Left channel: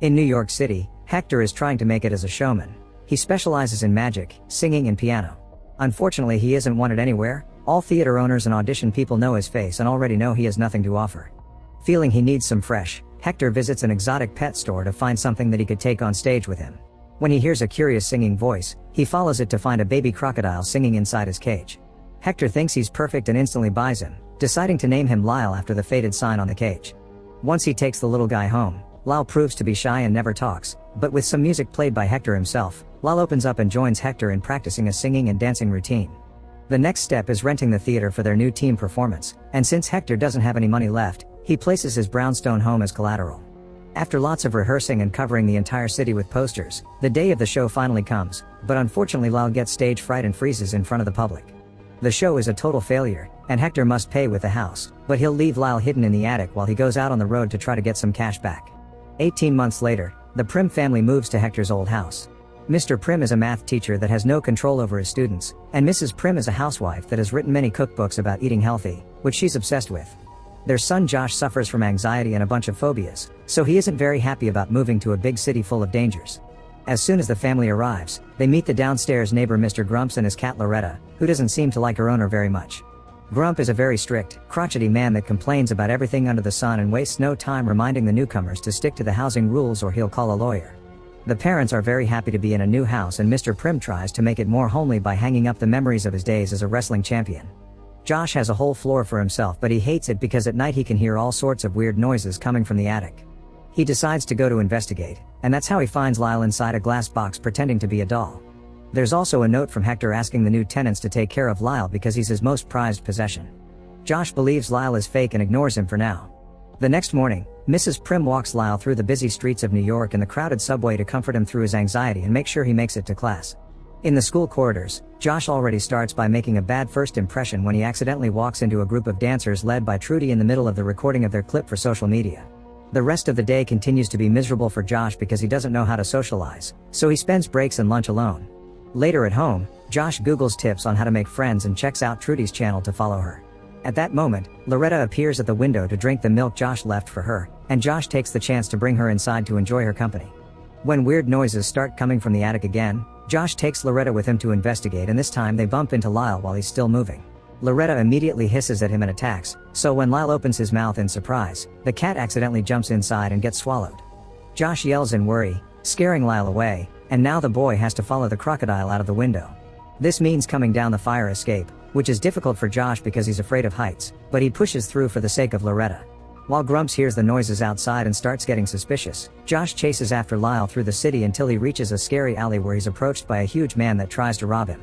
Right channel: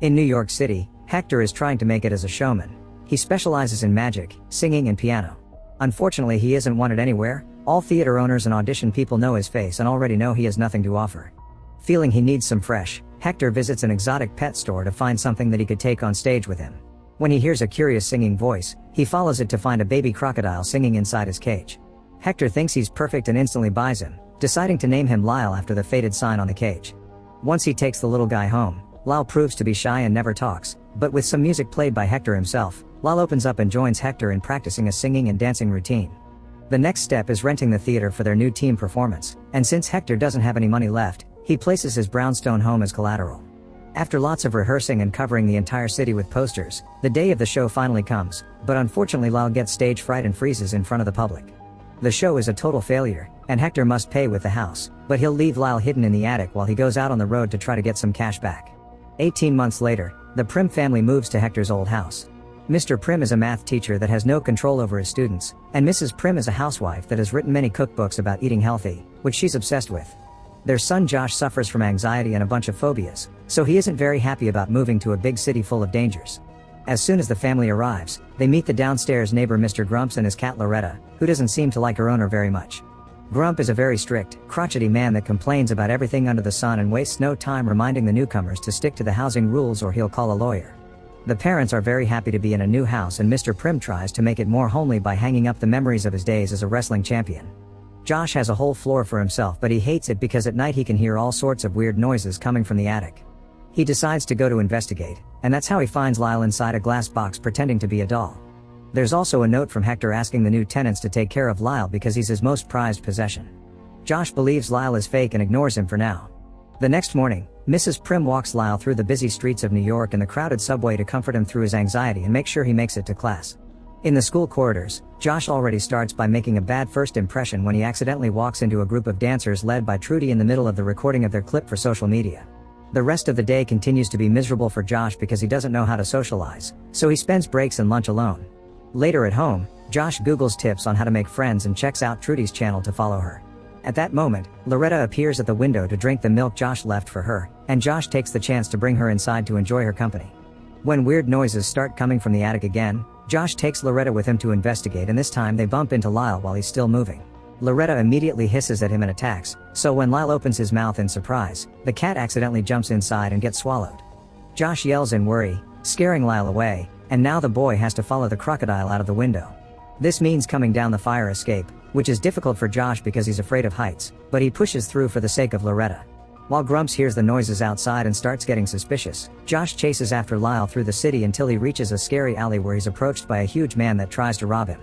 In New York City, Hector is trying to make it as a showman. He specializes in magic, singing and piano. Unfortunately, he isn't wanted anywhere. All theater owners and audition people know his face and already know he has nothing to offer. Feeling he needs some fresh, Hector visits an exotic pet store to find something that he could take on stage with him. When he hears a curious singing voice, he follows it to find a baby crocodile singing inside his cage. Hector thinks he's perfect and instantly buys him, deciding to name him Lyle after the faded sign on the cage. Once he takes the little guy home, Lyle proves to be shy and never talks, but with some music played by Hector himself, Lyle opens up and joins Hector in practicing a singing and dancing routine. The next step is renting the theater for their new team performance, and since Hector doesn't have any money left, he places his brownstone home as collateral. After lots of rehearsing and covering the entire city with posters, the day of the show finally comes, but unfortunately Lyle gets stage fright and freezes in front of the public. The show is a total failure, and Hector must pay with the house, but he'll leave Lyle hidden in the attic while he goes out on the road to try to get some cash back. 18 months later, the Prim family moves to Hector's old house. Mr. Prim is a math teacher that has no control over his students, and Mrs. Prim is a housewife that has written many cookbooks about eating healthy, which she's obsessed with. Their son Josh suffers from anxiety and a bunch of phobias, so he isn't very happy about moving to a big city full of dangers. As soon as the family arrives, they meet the downstairs neighbor Mr. Grumps and his cat Loretta, who doesn't seem to like her owner very much. Grump is a very strict, crotchety man that complains about everything under the sun and wastes no time reminding the newcomers to stick to the housing rules or he'll call a lawyer. The parents are very happy to be in a new house and Mr. Prim tries to make it more homely by hanging up the memories of his days as a wrestling champion. Josh has a whole floor for himself, but he hates it because at night he can hear all sorts of weird noises coming from the attic. He decides to go to investigate, and that's how he finds Lyle inside a glass box pretending to be a doll. There's also a note from Hector asking the new tenants to take care of Lyle because he's his most prized possession. Josh believes Lyle is fake and ignores him for now. The next morning, Mrs. Prim walks Lyle through the busy streets of New York and the crowded subway to comfort him through his anxiety and make sure he makes it to class. In the school corridors, Josh already starts by making a bad first impression when he accidentally walks into a group of dancers led by Trudy in the middle of the recording of their clip for social media. The rest of the day continues to be miserable for Josh because he doesn't know how to socialize, so he spends breaks and lunch alone. Later at home, Josh Googles tips on how to make friends and checks out Trudy's channel to follow her. At that moment, Loretta appears at the window to drink the milk Josh left for her, and Josh takes the chance to bring her inside to enjoy her company. When weird noises start coming from the attic again, Josh takes Loretta with him to investigate, and this time they bump into Lyle while he's still moving. Loretta immediately hisses at him and attacks, so when Lyle opens his mouth in surprise, the cat accidentally jumps inside and gets swallowed. Josh yells in worry, scaring Lyle away, and now the boy has to follow the crocodile out of the window. This means coming down the fire escape, which is difficult for Josh because he's afraid of heights, but he pushes through for the sake of Loretta. While Grumps hears the noises outside and starts getting suspicious, Josh chases after Lyle through the city until he reaches a scary alley where he's approached by a huge man that tries to rob him.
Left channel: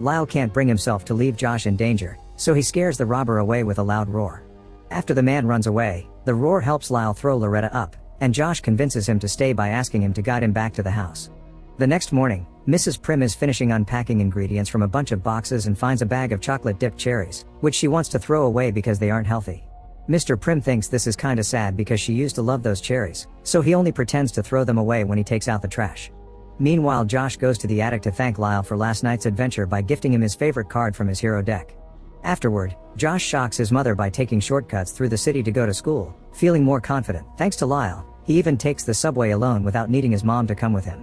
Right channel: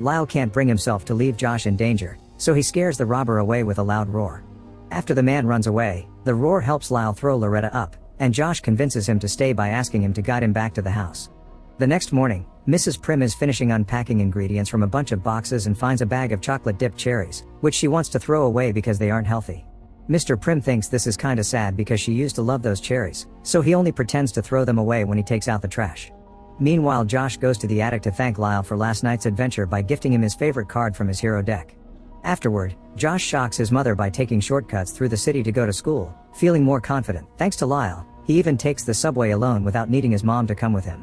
Lyle can't bring himself to leave Josh in danger, so he scares the robber away with a loud roar. After the man runs away, the roar helps Lyle throw Loretta up, and Josh convinces him to stay by asking him to guide him back to the house. The next morning, Mrs. Prim is finishing unpacking ingredients from a bunch of boxes and finds a bag of chocolate-dipped cherries, which she wants to throw away because they aren't healthy. Mr. Prim thinks this is kinda sad because she used to love those cherries, so he only pretends to throw them away when he takes out the trash. Meanwhile, Josh goes to the attic to thank Lyle for last night's adventure by gifting him his favorite card from his hero deck. Afterward, Josh shocks his mother by taking shortcuts through the city to go to school, feeling more confident. Thanks to Lyle, he even takes the subway alone without needing his mom to come with him.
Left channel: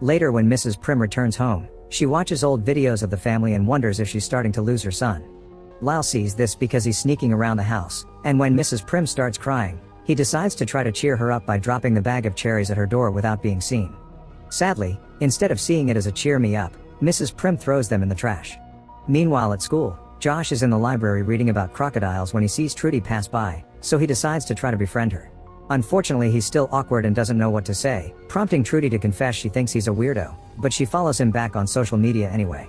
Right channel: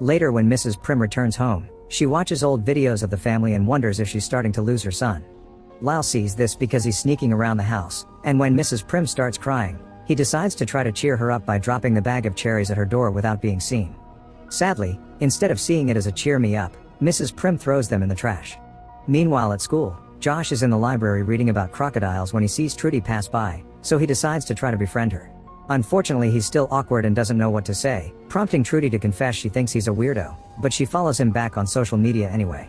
Later, when Mrs. Prim returns home, she watches old videos of the family and wonders if she's starting to lose her son. Lyle sees this because he's sneaking around the house, and when Mrs. Prim starts crying, he decides to try to cheer her up by dropping the bag of cherries at her door without being seen. Sadly, instead of seeing it as a cheer me up, Mrs. Prim throws them in the trash. Meanwhile at school, Josh is in the library reading about crocodiles when he sees Trudy pass by, so he decides to try to befriend her. Unfortunately, he's still awkward and doesn't know what to say, prompting Trudy to confess she thinks he's a weirdo, but she follows him back on social media anyway.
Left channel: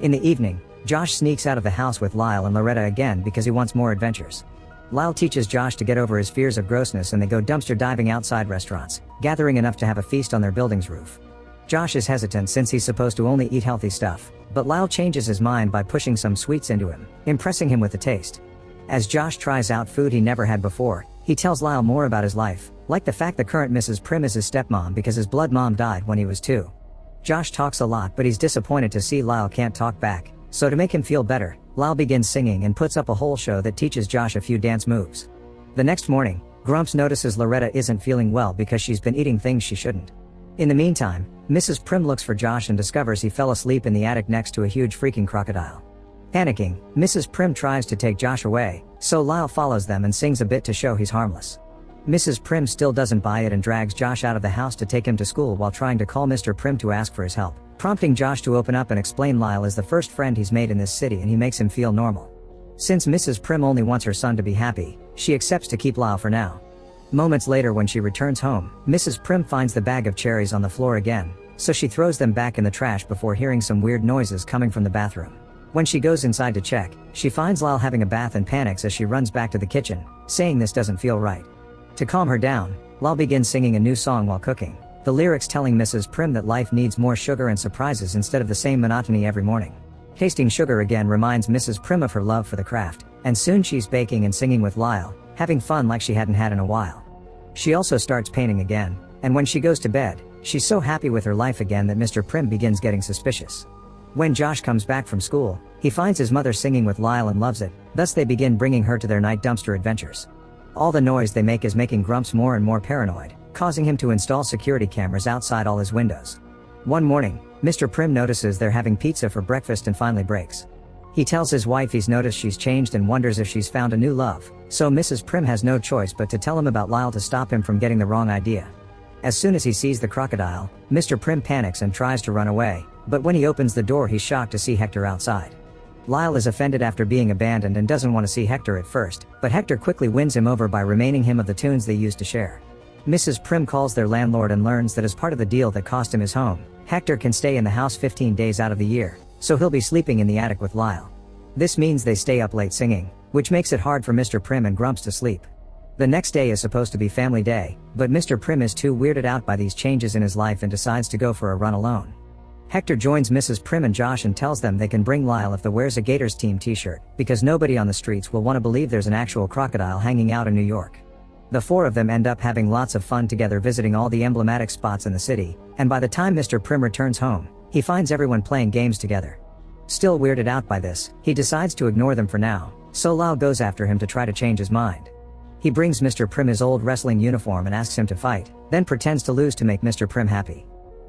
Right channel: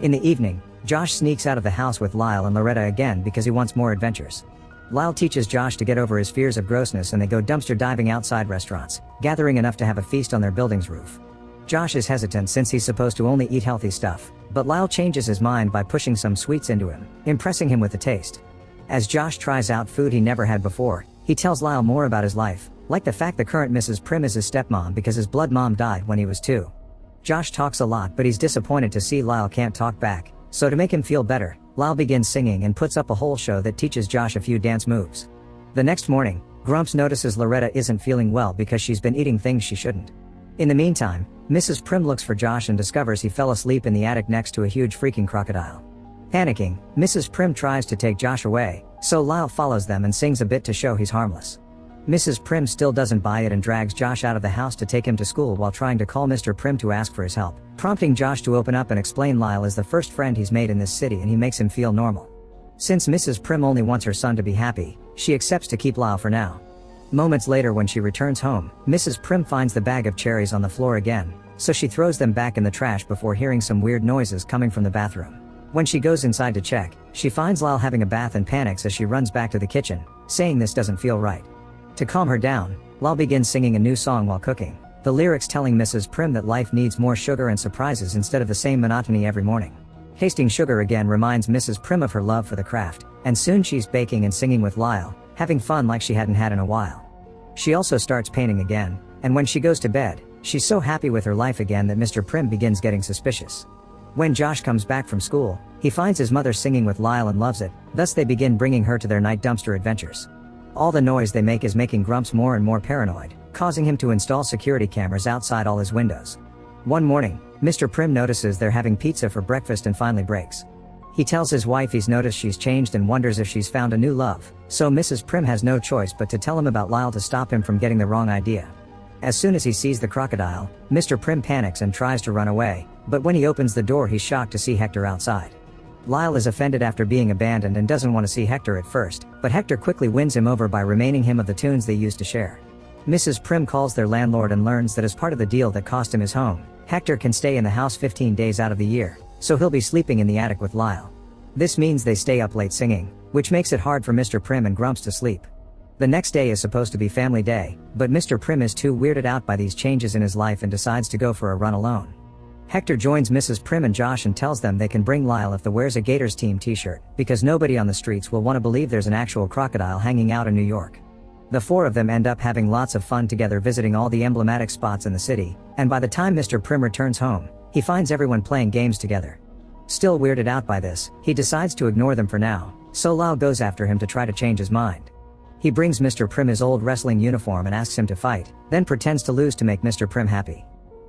In the evening, Josh sneaks out of the house with Lyle and Loretta again because he wants more adventures. Lyle teaches Josh to get over his fears of grossness and they go dumpster diving outside restaurants, gathering enough to have a feast on their building's roof. Josh is hesitant since he's supposed to only eat healthy stuff, but Lyle changes his mind by pushing some sweets into him, impressing him with the taste. As Josh tries out food he never had before, he tells Lyle more about his life, like the fact that current Mrs. Prim is his stepmom because his blood mom died when he was 2. Josh talks a lot, but he's disappointed to see Lyle can't talk back, so to make him feel better, Lyle begins singing and puts up a whole show that teaches Josh a few dance moves. The next morning, Grumps notices Loretta isn't feeling well because she's been eating things she shouldn't. In the meantime, Mrs. Prim looks for Josh and discovers he fell asleep in the attic next to a huge freaking crocodile. Panicking, Mrs. Prim tries to take Josh away, so Lyle follows them and sings a bit to show he's harmless. Mrs. Prim still doesn't buy it and drags Josh out of the house to take him to school while trying to call Mr. Prim to ask for his help, prompting Josh to open up and explain Lyle is the first friend he's made in this city and he makes him feel normal. Since Mrs. Prim only wants her son to be happy, she accepts to keep Lyle for now. Moments later when she returns home, Mrs. Prim finds the bag of cherries on the floor again, so she throws them back in the trash before hearing some weird noises coming from the bathroom. When she goes inside to check, she finds Lyle having a bath and panics as she runs back to the kitchen, saying this doesn't feel right. To calm her down, Lyle begins singing a new song while cooking, the lyrics telling Mrs. Prim that life needs more sugar and surprises instead of the same monotony every morning. Tasting sugar again reminds Mrs. Prim of her love for the craft, and soon she's baking and singing with Lyle, having fun like she hadn't had in a while. She also starts painting again, and when she goes to bed, she's so happy with her life again that Mr. Prim begins getting suspicious. When Josh comes back from school, he finds his mother singing with Lyle and loves it, thus they begin bringing her to their night dumpster adventures. All the noise they make is making Grumps more and more paranoid, causing him to install security cameras outside all his windows. One morning, Mr. Prim notices they're having pizza for breakfast and finally breaks. He tells his wife he's noticed she's changed and wonders if she's found a new love, so Mrs. Prim has no choice but to tell him about Lyle to stop him from getting the wrong idea. As soon as he sees the crocodile, Mr. Prim panics and tries to run away, but when he opens the door he's shocked to see Hector outside. Lyle is offended after being abandoned and doesn't want to see Hector at first, but Hector quickly wins him over by reminding him of the tunes they used to share. Mrs. Prim calls their landlord and learns that as part of the deal that cost him his home, Hector can stay in the house 15 days out of the year, so he'll be sleeping in the attic with Lyle. This means they stay up late singing, which makes it hard for Mr. Prim and Grumps to sleep. The next day is supposed to be family day, but Mr. Prim is too weirded out by these changes in his life and decides to go for a run alone. Hector joins Mrs. Prim and Josh and tells them they can bring Lyle if they wears a Gators team t-shirt, because nobody on the streets will want to believe there's an actual crocodile hanging out in New York. The four of them end up having lots of fun together visiting all the emblematic spots in the city, and by the time Mr. Prim returns home, he finds everyone playing games together. Still weirded out by this, he decides to ignore them for now, so Lyle goes after him to try to change his mind. He brings Mr. Prim his old wrestling uniform and asks him to fight, then pretends to lose to make Mr. Prim happy.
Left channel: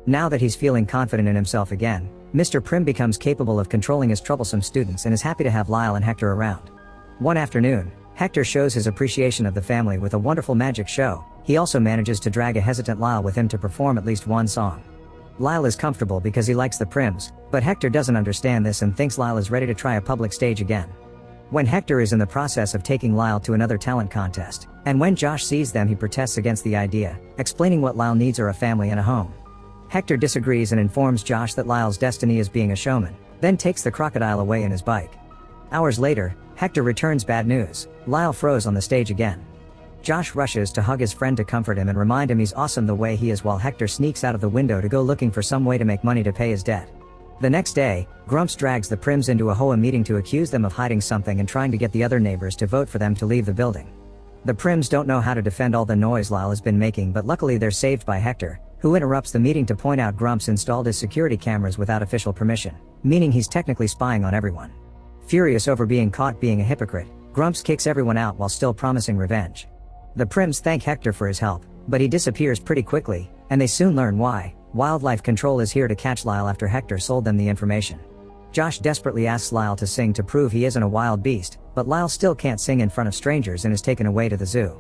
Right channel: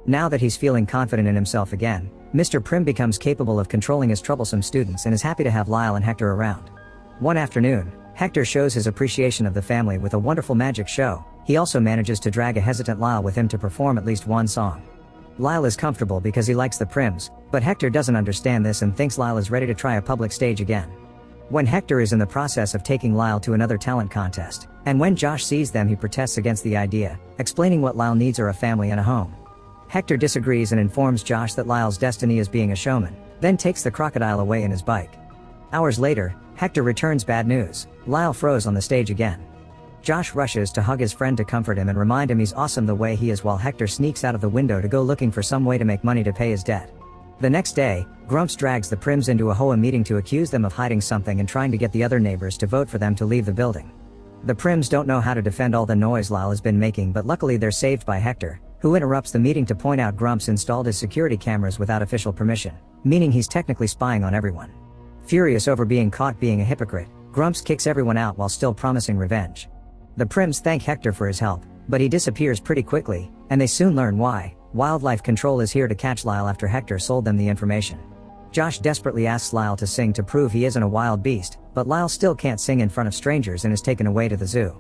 Now that he's feeling confident in himself again, Mr. Prim becomes capable of controlling his troublesome students and is happy to have Lyle and Hector around. One afternoon, Hector shows his appreciation of the family with a wonderful magic show. He also manages to drag a hesitant Lyle with him to perform at least one song. Lyle is comfortable because he likes the Prims, but Hector doesn't understand this and thinks Lyle is ready to try a public stage again. When Hector is in the process of taking Lyle to another talent contest, and when Josh sees them he protests against the idea, explaining what Lyle needs are a family and a home. Hector disagrees and informs Josh that Lyle's destiny is being a showman, then takes the crocodile away in his bike. Hours later, Hector returns bad news. Lyle froze on the stage again. Josh rushes to hug his friend to comfort him and remind him he's awesome the way he is while Hector sneaks out of the window to go looking for some way to make money to pay his debt. The next day, Grumps drags the Prims into a home meeting to accuse them of hiding something and trying to get the other neighbors to vote for them to leave the building. The Prims don't know how to defend all the noise Lyle has been making, but luckily they're saved by Hector, who interrupts the meeting to point out Grumps installed his security cameras without official permission, meaning he's technically spying on everyone. Furious over being caught being a hypocrite, Grumps kicks everyone out while still promising revenge. The Prims thank Hector for his help, but he disappears pretty quickly, and they soon learn why. Wildlife Control is here to catch Lyle after Hector sold them the information. Josh desperately asks Lyle to sing to prove he isn't a wild beast, but Lyle still can't sing in front of strangers and is taken away to the zoo.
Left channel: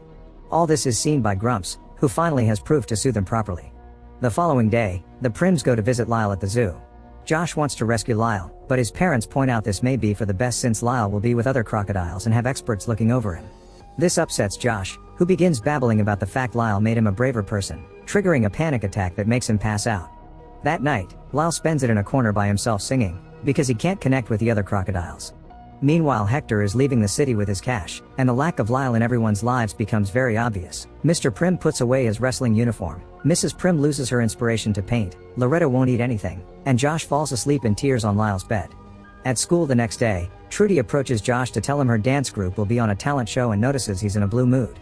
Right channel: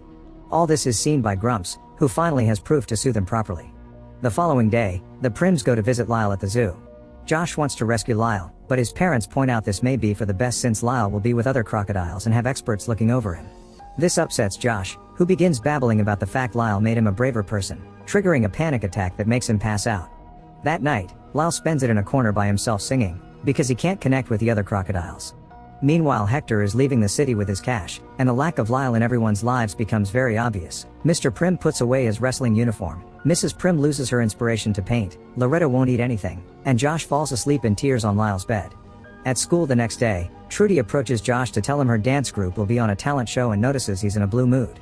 All this is seen by Grumps, who finally has proof to soothe him properly. The following day, the Prims go to visit Lyle at the zoo. Josh wants to rescue Lyle, but his parents point out this may be for the best since Lyle will be with other crocodiles and have experts looking over him. This upsets Josh, who begins babbling about the fact Lyle made him a braver person, triggering a panic attack that makes him pass out. That night, Lyle spends it in a corner by himself singing, because he can't connect with the other crocodiles. Meanwhile, Hector is leaving the city with his cash, and the lack of Lyle in everyone's lives becomes very obvious. Mr. Prim puts away his wrestling uniform, Mrs. Prim loses her inspiration to paint, Loretta won't eat anything, and Josh falls asleep in tears on Lyle's bed. At school the next day, Trudy approaches Josh to tell him her dance group will be on a talent show and notices he's in a blue mood.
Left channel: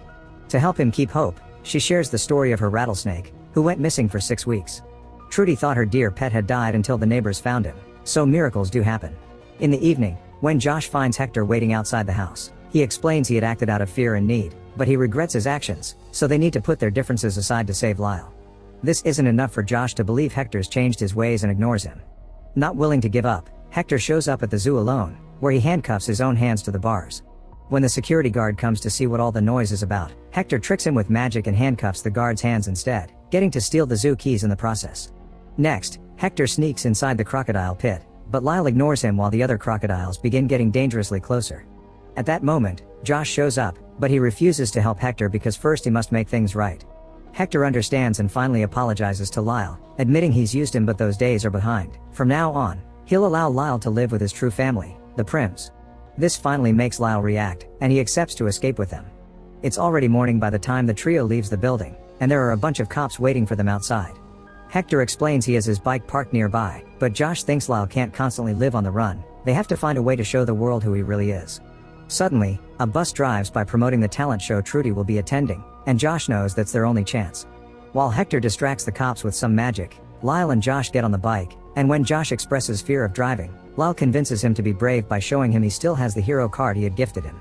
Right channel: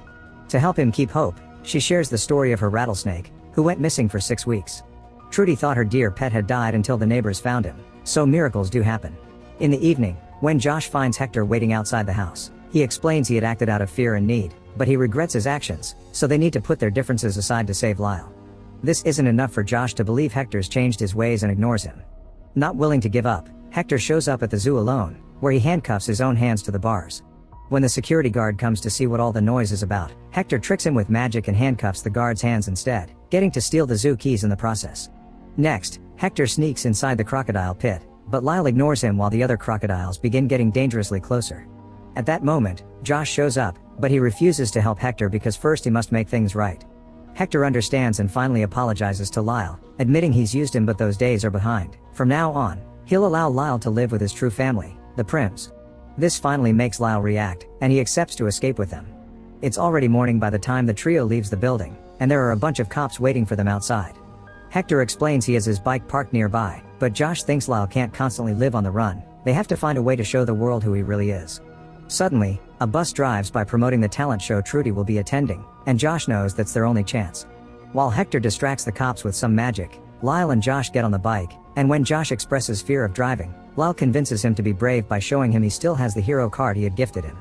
To help him keep hope, she shares the story of her rattlesnake, who went missing for 6 weeks. Trudy thought her dear pet had died until the neighbors found him, so miracles do happen. In the evening, when Josh finds Hector waiting outside the house, He explains he had acted out of fear and need, but he regrets his actions, so they need to put their differences aside to save Lyle. This isn't enough for Josh to believe Hector's changed his ways and ignores him. Not willing to give up, Hector shows up at the zoo alone, where he handcuffs his own hands to the bars. When the security guard comes to see what all the noise is about, Hector tricks him with magic and handcuffs the guard's hands instead, getting to steal the zoo keys in the process. Next, Hector sneaks inside the crocodile pit, but Lyle ignores him while the other crocodiles begin getting dangerously closer. At that moment, Josh shows up, but he refuses to help Hector because first he must make things right. Hector understands and finally apologizes to Lyle, admitting he's used him but those days are behind. From now on, he'll allow Lyle to live with his true family, the Prims. This finally makes Lyle react, and he accepts to escape with him. It's already morning by the time the trio leaves the building, and there are a bunch of cops waiting for them outside. Hector explains he has his bike parked nearby, but Josh thinks Lyle can't constantly live on the run. They have to find a way to show the world who he really is. Suddenly, a bus drives by promoting the talent show Trudy will be attending, and Josh knows that's their only chance. While Hector distracts the cops with some magic, Lyle and Josh get on the bike, and when Josh expresses fear of driving, Lyle convinces him to be brave by showing him he still has the hero card he had gifted him.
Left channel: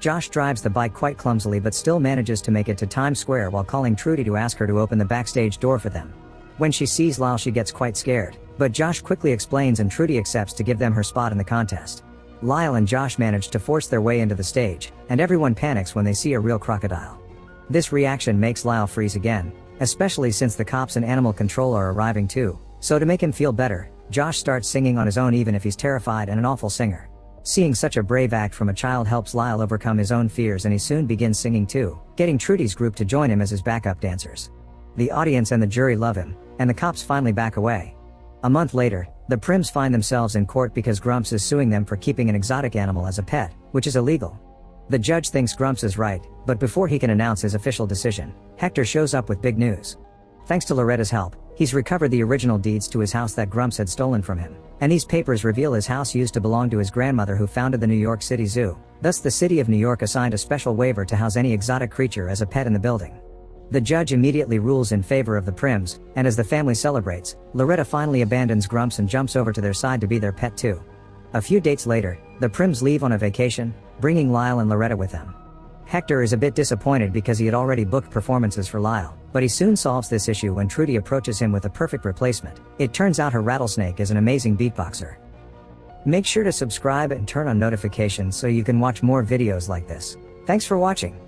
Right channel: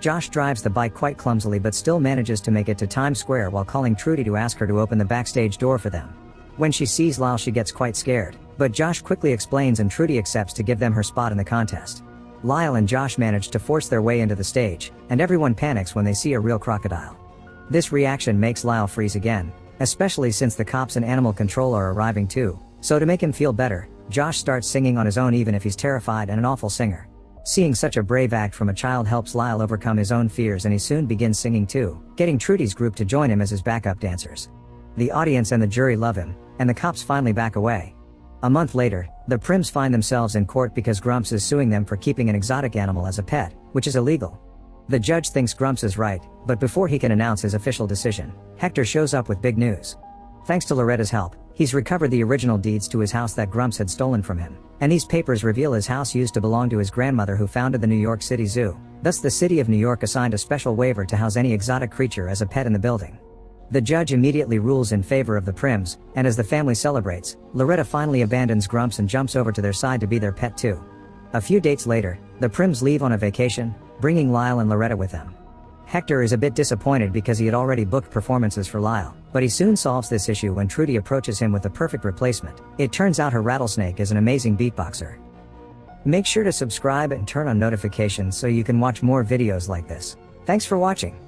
Josh drives the bike quite clumsily but still manages to make it to Times Square while calling Trudy to ask her to open the backstage door for them. When she sees Lyle she gets quite scared, but Josh quickly explains and Trudy accepts to give them her spot in the contest. Lyle and Josh manage to force their way into the stage, and everyone panics when they see a real crocodile. This reaction makes Lyle freeze again, especially since the cops and animal control are arriving too, so to make him feel better, Josh starts singing on his own even if he's terrified and an awful singer. Seeing such a brave act from a child helps Lyle overcome his own fears and he soon begins singing too, getting Trudy's group to join him as his backup dancers. The audience and the jury love him, and the cops finally back away. A month later, the Prims find themselves in court because Grumps is suing them for keeping an exotic animal as a pet, which is illegal. The judge thinks Grumps is right, but before he can announce his official decision, Hector shows up with big news. Thanks to Loretta's help, he's recovered the original deeds to his house that Grumps had stolen from him, and these papers reveal his house used to belong to his grandmother who founded the New York City Zoo. Thus the city of New York assigned a special waiver to house any exotic creature as a pet in the building. The judge immediately rules in favor of the Prims, and as the family celebrates, Loretta finally abandons Grumps and jumps over to their side to be their pet too. A few dates later, the Prims leave on a vacation, bringing Lyle and Loretta with them. Hector is a bit disappointed because he had already booked performances for Lyle, but he soon solves this issue when Trudy approaches him with a perfect replacement. It turns out her rattlesnake is an amazing beatboxer. Make sure to subscribe and turn on notifications so you can watch more videos like this. Thanks for watching.